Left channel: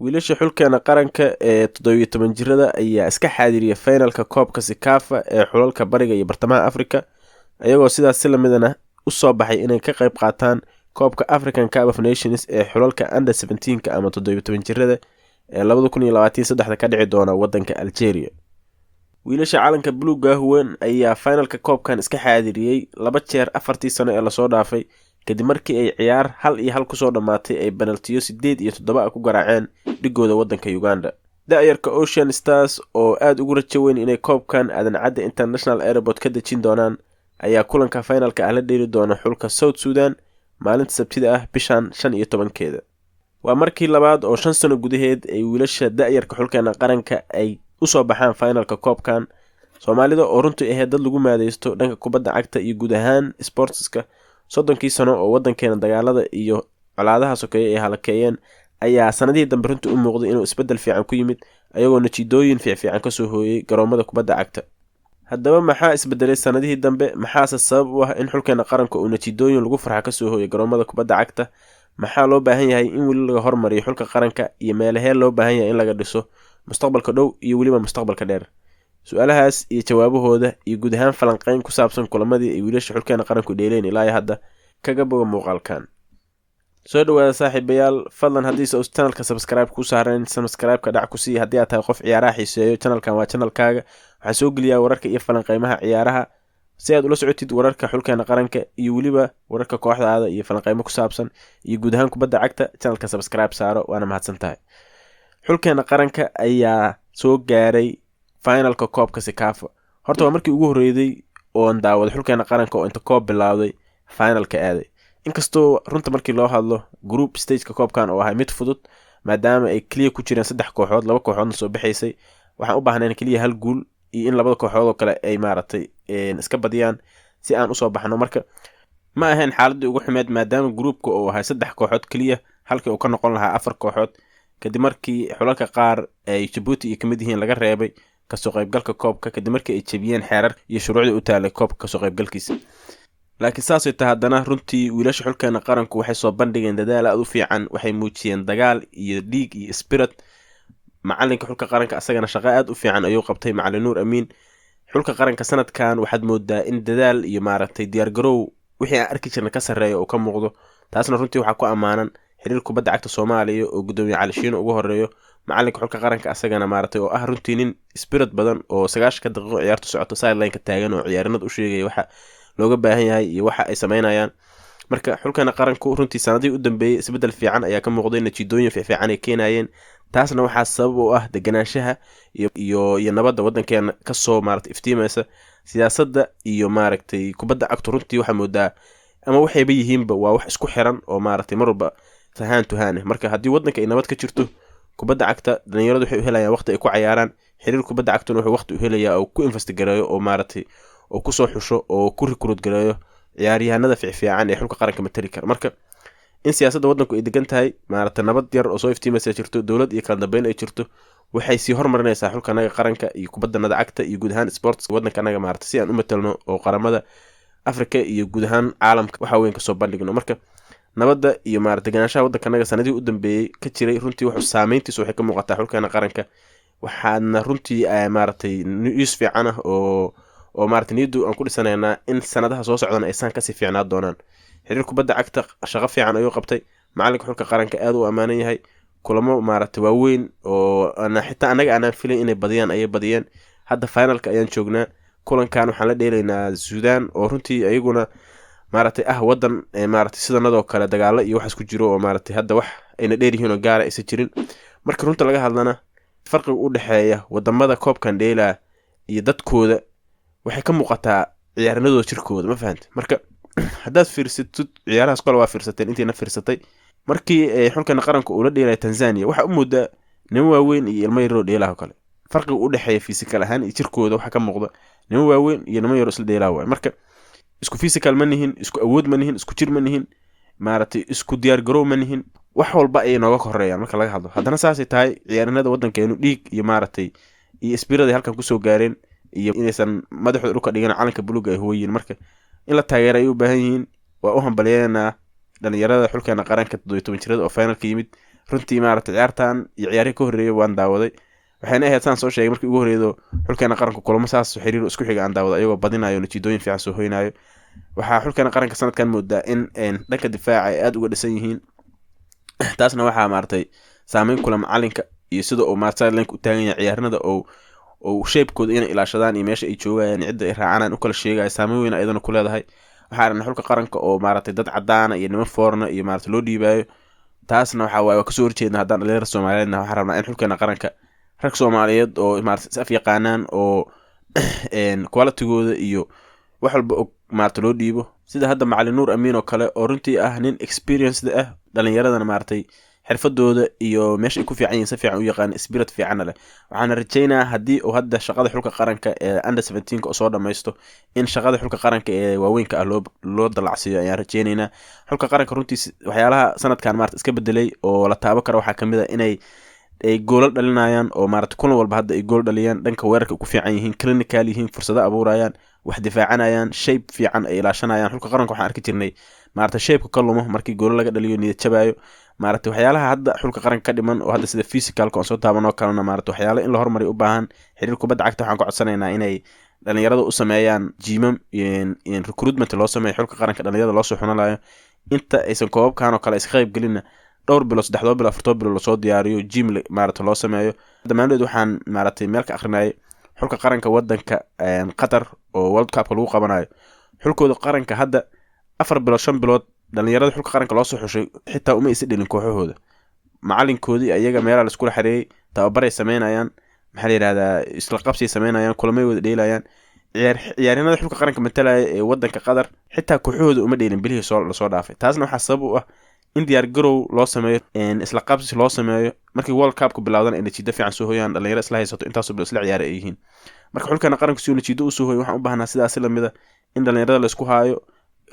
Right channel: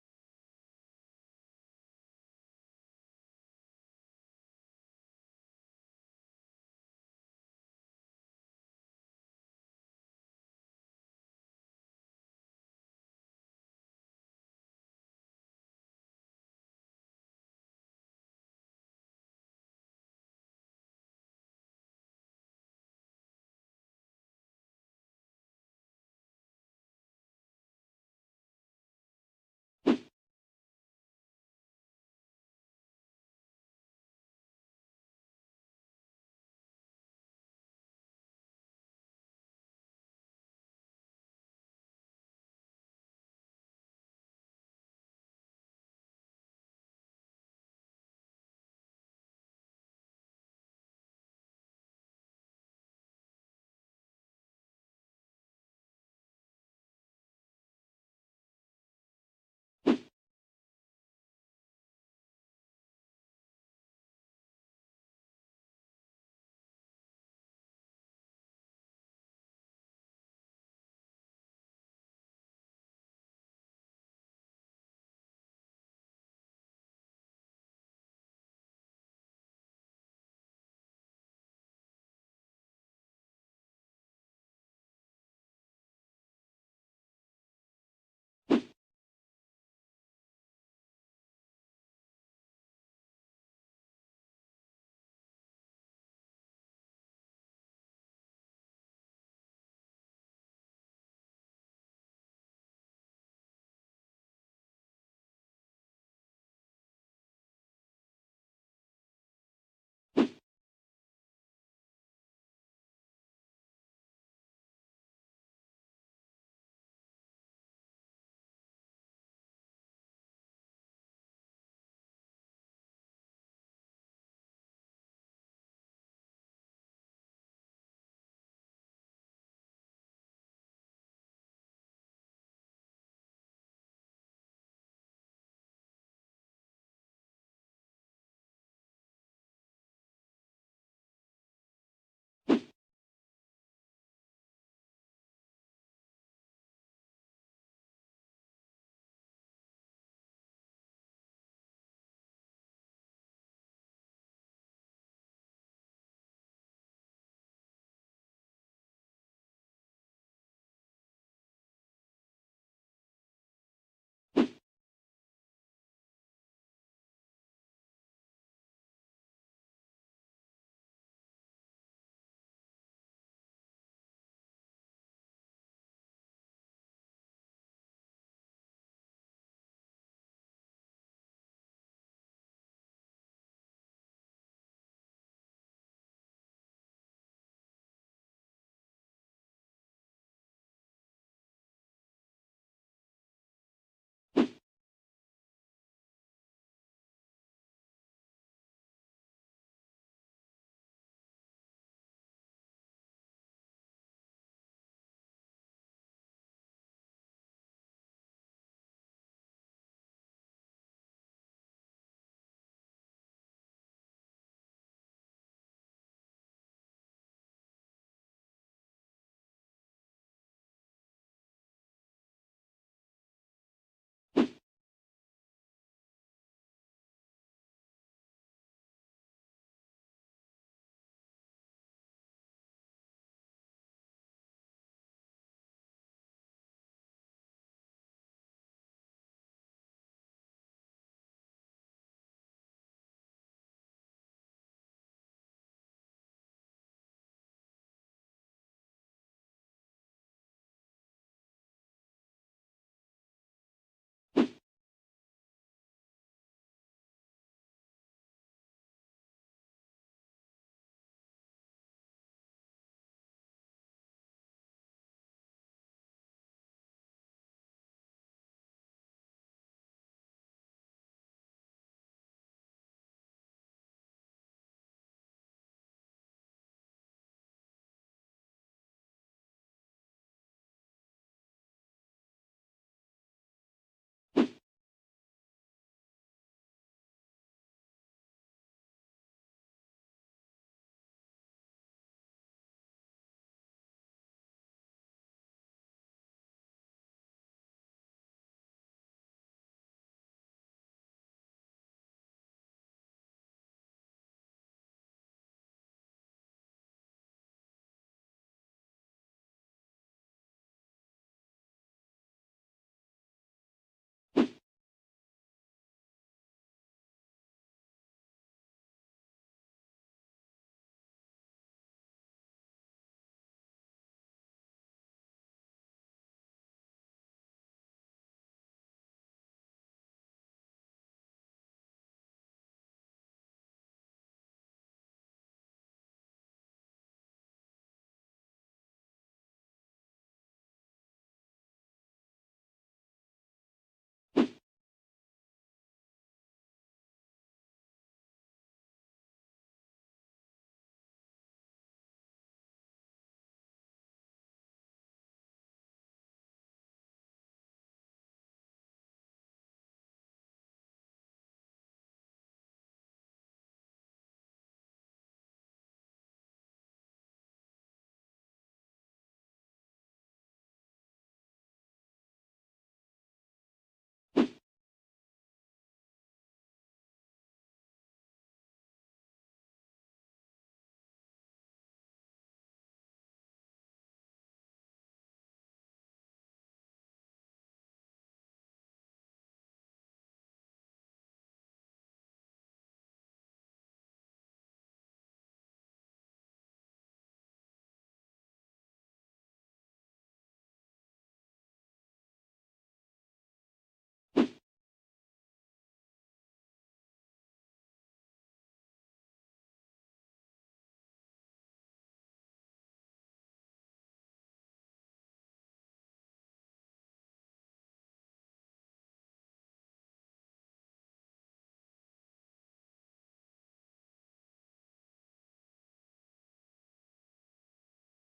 wiilasha xulkeena qaranka ee 17 jirada ayaa iska xaadiriyay finalka koobka Sekafa ee xulalka bariga iyo bartamaha Afrika ayagoo sidaas si lamidana u soo baxay inay ka qayb qaataan koobka African Cup of Nations ee xulalka under 17 ama 17 jirada ee 2023 ka dhici doona wadanka Algeria. wiilasha calanka buluuga huwan ayaa finalka koobkan iska xaadiriyay 2 jeer 4 sano ee la soo dhaafay kadib markii ay ciyaar 1-1 ku soo dhamaatay ay penaltiyo 8 iyo 7 ku garaaceen dhigooda wadanka Uganda. da'yarka Ocean Stars oo aad ugu rajo weyn inay koobkan aadan cadde International Airport ka dejin doonaan ayaa kulanka finalka ah la dheeli doona xulka South Sudan maalinta Sabtida ah bishan 15keeda. waa markii labaad oo 5 sano gudaheed ay wiilasha da'yarka xulkeena qaranka ay u soo baxaan finalka koobkan. Soomaalida oo runtii ahayd dad lagu maadeysto dhanka kubadda cagta iyo guud ahaan sportska 30 sano oo wadankeena dagaalada iyo colaadaha sokeeye ay halakeeyeen ayaa sanadihii dambe runtii u muuqday inuu isbedel fiican ku yimid ayagoo natiijooyin fiican ka soo hooyay garoomada kubadda cagta. haddaba maxaa isbedelay sanadihii dambe, maxaase sabab u ah in xulkeena qaranka uu natiijooyin lagu farxa ka soo hooyay garoomada kubadda cagta, maxaa loo baahan yahay in weli laga hormariyo xulka qaranka iyo meelahee loo baahan yahay in laga dhiso mustaqbalka dhow iyo weliba mustaqbalka dheer. su-aalahaas iyo jawaabahooda iyo guud ahaan falanqeyn ku saabsan kulamadii ay wiilasha xulkeena qaranku dheeleen ilaa hadda kaga boga muuqaalkan. soo dhawaada saaxiibayaal, fadlan haddiise uu channelka subscribe ku saareen subscribe-ka dhac ku sii haddii aad tahay qof ciyaaraha xiiseeyo. channelkan waa channelkaaga, waxaan soo geliyaa wararka iyo falanqeymaha ciyaaraha si aad ula socotid wararka xulkeena qaranka iyo weliba wararka kooxdaada iyo falanqeymo ku saabsan iyo guud ahaan kubadda cagta. channelka subscribe saaro, waana mahadsantahay. xulkeena qaranka ayaa soo gaaray finalka koobka Sekafa. horta waa markii ugu horeeyay oo daawada xulkeena qaranka oo inta koob bilowday finalka aaday. inkastoo runta markii loo hadlo group stage-ka koobkan oo ahay mid fudud maadaama ay kaliya ku jireen 3 kooxood, 2 kooxoodna soo baxaysay, waxaan u baahnayn kaliya hal guul iyo in 2 kooxood oo kale ay iska badiyaan si aan u soo baxno. marka ma ahayn xaaladii ugu xumeed maadaama groupka oo ahay 3 kooxood kaliya halkii uu ka noqon lahaa 4 kooxood kadib markii xulalka qaar ay Djibouti iyo kamid yihiin laga reebay kasoo qaybgalka koobka kadib markii ay jabiyeen xeerar iyo shuruucda u taalay koobka kasoo qaybgalkiisa. laakiin saasay tahay haddana runtii wiilasha xulkeena qaranku waxay soo bandhigeen dadaal aad u fiican, waxay muujiyeen dagaal iyo dhiig iyo spirit. macalinka xulka qaranka asagana shaqo aad u fiican ayuu qabtay, macalin Nuur Amiin. xulka qaranka sanadkan waxaad moodaa in dadaal iyo diyaar garow wixii aan arki jirnay ka sarreeyo oo ka muuqdo. taasna runtii waxaa ku ammaanan xiriir kubadda cagta Soomaaliya oo gudoomiye Cali Shiino ugu horeeyo. macalinka xulka qaranka asagana oo ah runtii nin spirit badan oo 90 daqiiqo ciyaartu socoto sideline-ka taagan oo ciyaarinad u sheegay waxa looga baahan yahay iyo waxa ay sameynayaan. marka xulkeena qaranku runtii sanadihii u dambeeyay isbedel fiican ayaa ka muuqday, natiijooyin fiican ay keenayeen. taasna waxaa sabab u ah deganaanshaha iyo nabadda wadankeena ka soo iftiimaysa. siyaasadda iyo kubadda cagtu runtii waxaa moodaa ama waxayba yihiinba waa wax isku xiran oo mar walba tahaan tuhaane. marka haddii wadanka ay nabad ka jirto, kubadda cagta dhalinyaradu waxay u helayaan waqti ay ku cayaaraan, xiriir kubadda cagtuna wuxuu waqti u helayaa oo ku investigareeyo oo oo ku soo xusho oo ku recruit gareeyo ciyaaryahanada fiican ee xulka qaranka matali kara. marka in siyaasadda wadanku ay degan tahay, nabad yar oo soo iftiimaysa jirto, dowlad iyo kala dambeyn ay jirto, waxay sii hormarinaysaa xulkanaga qaranka iyo kubadda cagta iyo guud ahaan sports wadankanaga si aan u matalno oo qaramada Afrika iyo guud ahaan caalamka waxa weyn ka soo bandhigno. marka nabadda iyo deganaanshaha wadankanaga sanadihii u dambeeyay ka jiray runtii wuxuu saameyntiisu waxay ka muuqataa xulkeena qaranka. waxaadna runtii news fiican ah oo niyadu aan ku dhisanaynaa in sanadaha soo socdaan aysan kasii fiicnaa doonaan. xiriir kubadda cagta shaqo fiican ayuu qabtay, macalinka xulka qaranka aad u ammaanan yahay. kulamo waaweyn oo xitaa anaga aanan filayn inay badiyaan ayay badiyeen. hadda finalka ayaan joognaa. kulankan waxaan la dheelaynaa Suudaan oo runtii ayaguna wadan sidanadoo kale dagaalo iyo waxaas ku jiro oo hadda wax ayna dheer yihiin oo gaara aysan jirin. marka runta laga hadlana farqiga u dhexeeya wadamada koobkan dheelaa iyo dadkooda waxay ka muuqataa ciyaaranadooda jirkooda, ma fahantay. marka haddaad fiirsatid ciyaarahaas kale waa fiirsateen intiina fiirsatay markii xulkeena qaranka uu la dheelay Tanzania, waxa u moodaa nin waaweyn iyo ilmo yar oo dheelaha kale. farqiga u dhexeeya physical ahaan iyo jirkooda waxa ka muuqda nin waaweyn iyo ilmo yar oo isla dheelaha waay. marka isku physical ma nihin, isku awood ma nihin, isku jir ma nihin, isku diyaar garow ma nihin, wax walba ay nooga koreeyaan marka laga hadlo. haddana saasay tahay ciyaaranada wadankeenu dhiig iyo iyo spirit halkan kusoo gaareen iyo inaysan madaxooda dhulka dhigan calanka buluuga ay hooyiin. marka in la taageero ay u baahan yihiin. waa u hambalyeynaa dhalinyarada xulkeena qaranka 17 jirada oo finalka yimid. runtii maaragtay ciyaartan iyo ciyaarihii ka horreeyay waan daawaday waxayna ahayd saan soo sheegay markii ugu horreeydo xulkeena qaranka kulamo saas xiriir isku xiga aan daawado ayagoo badinayo natiijooyin fiican soo hoynayo waxaa xulkeena qaranka sanadkan moodaa in dhanka difaaca ay aad uga dhisan yihiin taasna waxaa maaragtay saameyn kula macalinka iyo sida uu maaragtay link u taagan yahay ciyaarnada oo shape-kooda inay ilaashadaan iyo meesha ay joogayaan cidda ay raacaan u kala sheegaya saameyn weyn ayadana ku leedahay waxaa aragna xulka qaranka oo maaragtay dad cadaana iyo niman foorna iyo maaragtay loo dhiibayo taasna waxaa waaye waa kasoo horjeedna haddaan dhalinyarada soomaaliyeedna waxaa rabnaa in xulkeena qaranka rag soomaaliyeed oo maaragtay is af yaqaanaan oo qualitigooda iyo wax walba og maaragtay loo dhiibo sida hadda macalin nuur amiin oo kale oo runtii ah nin experienced ah dhalinyaradana maaragtay xirfadooda iyo meesha ay ku fiican yihiin si fiican u yaqaan spirit fiicanna leh waxaana rajaynayaa haddii uu hadda shaqada xulka qaranka ee under 17 oo soo dhamaysto in shaqada xulka qaranka ee waaweynka ah loo dalacsiiyo ayaan rajaynaynaa xulka qaranka runtii waxyaalaha sanadkan maaragtay iska bedelay oo la taabo karo waxaa kamid ah inay ay goolal dhalinayaan oo maaragtay kulan walba hadda ay gool dhaliyaan dhanka weerarka ku fiican yihiin clinical yihiin fursado abuurayaan wax difaacanayaan shape fiican ay ilaashanayaan xulka qaranka waxaan arki jirnay maaragtay shape ka lumo markii gool laga dhaliyo niyad jabayo maaragtay waxyaalaha hadda xulka qaranka ka dhiman oo hadda sida physicalka oo soo taabanoo kalena maaragtay waxyaalo in la horumari u baahan xiriir kubadda cagta waxaan ku codsanaynaa inay dhalinyarada u sameeyaan jimam recruitment loo sameeyo xulka qaranka dhalinyarada loo soo xunalayo inta aysan koobabkan oo kale iska qayb gelinna dhowr bilo 3 bilo 4 bilo lasoo diyaariyo jim maaragtay loo sameeyo dhammaantood waxaan maaragtay meel ka akhrinayay xulka qaranka wadanka qatar oo world cup lagu qabanayo xulkooda qaranka hadda 4 bilood 5 bilood dhalinyarada xulka qaranka loo soo xushay xitaa uma isi dhalin kooxahooda macalinkoodii ayaga meelaha la iskula xareeyay tababaray sameynayaan maxaa la yidhahdaa isla qabsay sameynayaan kulamay wada dheelayaan ciyaaryahanada xulka qaranka matalaya ee wadanka qatar xitaa kooxahooda uma dheelin bilihii lasoo dhaafay taasna waxaa sabab u ah in diyaar garow loo sameeyo isla qabsi loo sameeyo markii world cupku bilowdana ay natiijo fiican soo hoyaan dhalinyaro isla haysato intaasoo bilo isla ciyaara ay yihiin marka xulkeena qaranka si uu natiijo u soo hoyo waxaan u baahnaa sidaas lamida in dhalinyarada la isku haayo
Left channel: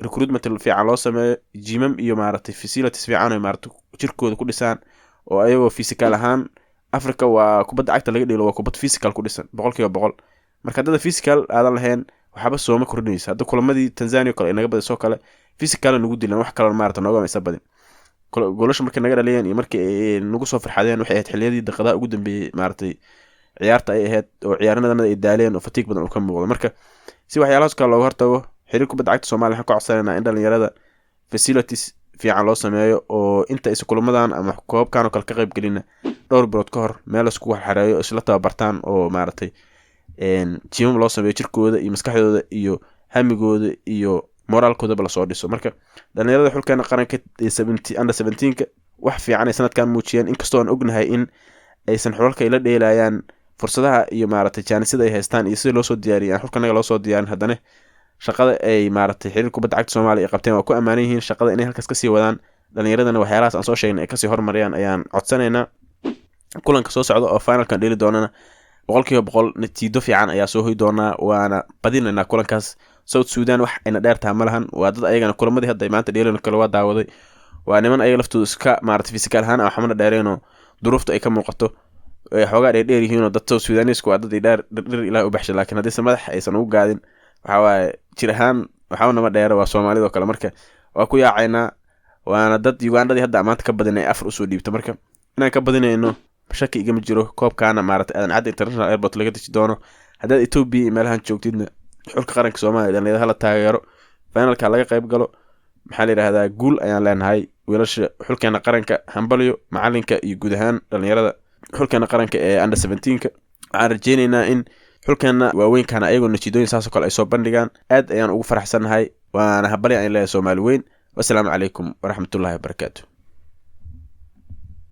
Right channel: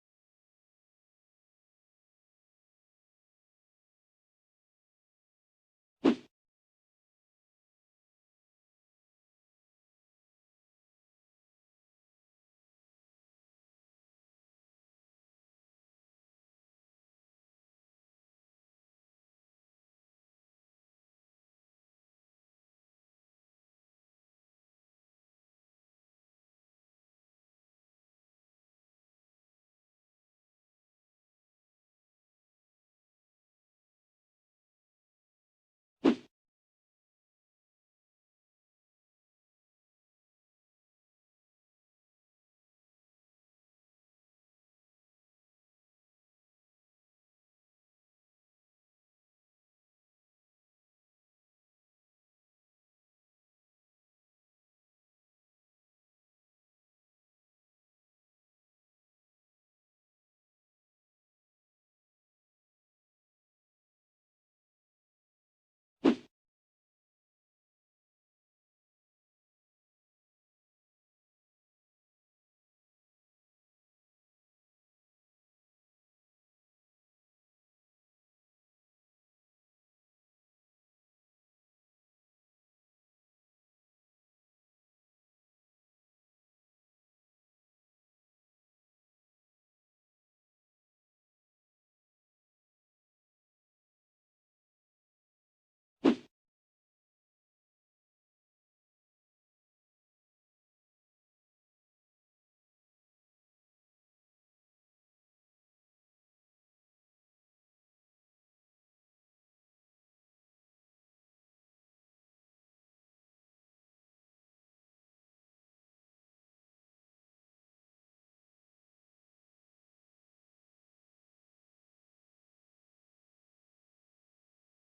recruitment fiican loo sameeyo jimam iyo maaragtay facilities fiican oo maaragtay jirkooda ku dhisaan oo ayagoo physical ahaan Africa waa kubadda cagta laga dhigay waa kubad physical ku dhisan 100% marka dad physical aadan lahayn waxba soo ma kordhinaysa hadda kulamadii Tanzania kale inaga badisoo kale physical nagu dilan wax kale maaragtay nooga maysa badin goolasha markii naga dhaliyeen iyo markii ay nagu soo farxadeen waxay ahayd xilliyadii daqiiqada ugu dambeeyay maaragtay ciyaarta ay ahayd oo ciyaarnimada ay daaleen oo fatiig badan u ka muuqdo marka si waxyaalahaas kale looga hortago xiriir kubadda cagta Soomaaliya waxaan ku codsanaynaa in dhalinyarada facilities fiican loo sameeyo oo inta is kulamadan ama koobkan oo kale ka qayb gelina dhowr bilood ka hor meel isku xareeyo isla tababartaan oo maaragtay jimam loo sameeyo jirkooda iyo maskaxdooda iyo hamigooda iyo moraalkooda la soo dhiso marka dhalinyarada xulkeena qaranka under 17 wax fiican ay sanadkan muujiyeen inkastoo aan ognahay in aysan xulalka ila dheelayaan fursadaha iyo maaragtay jaanisada ay haystaan iyo sida loo soo diyaariyay xulkanaga loo soo diyaarin haddana shaqada ay maaragtay xiriir kubadda cagta Soomaaliya ay qabteen waa ku amaanan yihiin shaqada inay halkaas ka sii wadaan dhalinyaradana waxyaalahaas aan soo sheegnay ay ka sii horumariyaan ayaan codsanaynaa kulanka soo socda oo finalkan dheli doonana 100% natiijo fiican ayaa soo hoy doonaa waana badinaynaa kulankaas South Sudan wax ayna dheertaa ma lahan waa dad ayagana kulamadii hadda maanta dheelan kale waa daawaday waa niman ayaga laftooda iska maaragtay physical ahaan ah xamna dheereenoo duruufta ay ka muuqato xoogaa dheer yihiin oo dad South Sudanese waa dad dhir ilaa u baxshay laakiin haddii madax aysan ugu gaadin waxa waaye jir ahaan waxaa nama dheera waa Soomaalida oo kale marka waa ku yaacaynaa waana dad Ugandadii hadda maanta ka badinay afar usoo dhiibta marka inaan ka badinayno shaki igama jiro koobkaana maaragtay aadan cadda international airport laga deji doono haddaad Ethiopia iyo meelahan joogtidna xulka qaranka Soomaaliya dhalinyarada hala taageero finalka laga qayb galo maxaa la yiraahdaa guul ayaan leenahay wiilasha xulkeena qaranka hambalyo macalinka iyo guud ahaan dhalinyarada xulkeena qaranka ee under 17 waxaan rajaynaynaa in xulkeena waaweynkaana ayagoo natiijooyin saas oo kale ay soo bandhigaan aad ayaan ugu faraxsanahay waana hambalyo aan leeyahay Soomaali weyn wassalaamu calaykum waraxmatullaahi wabarakaatuh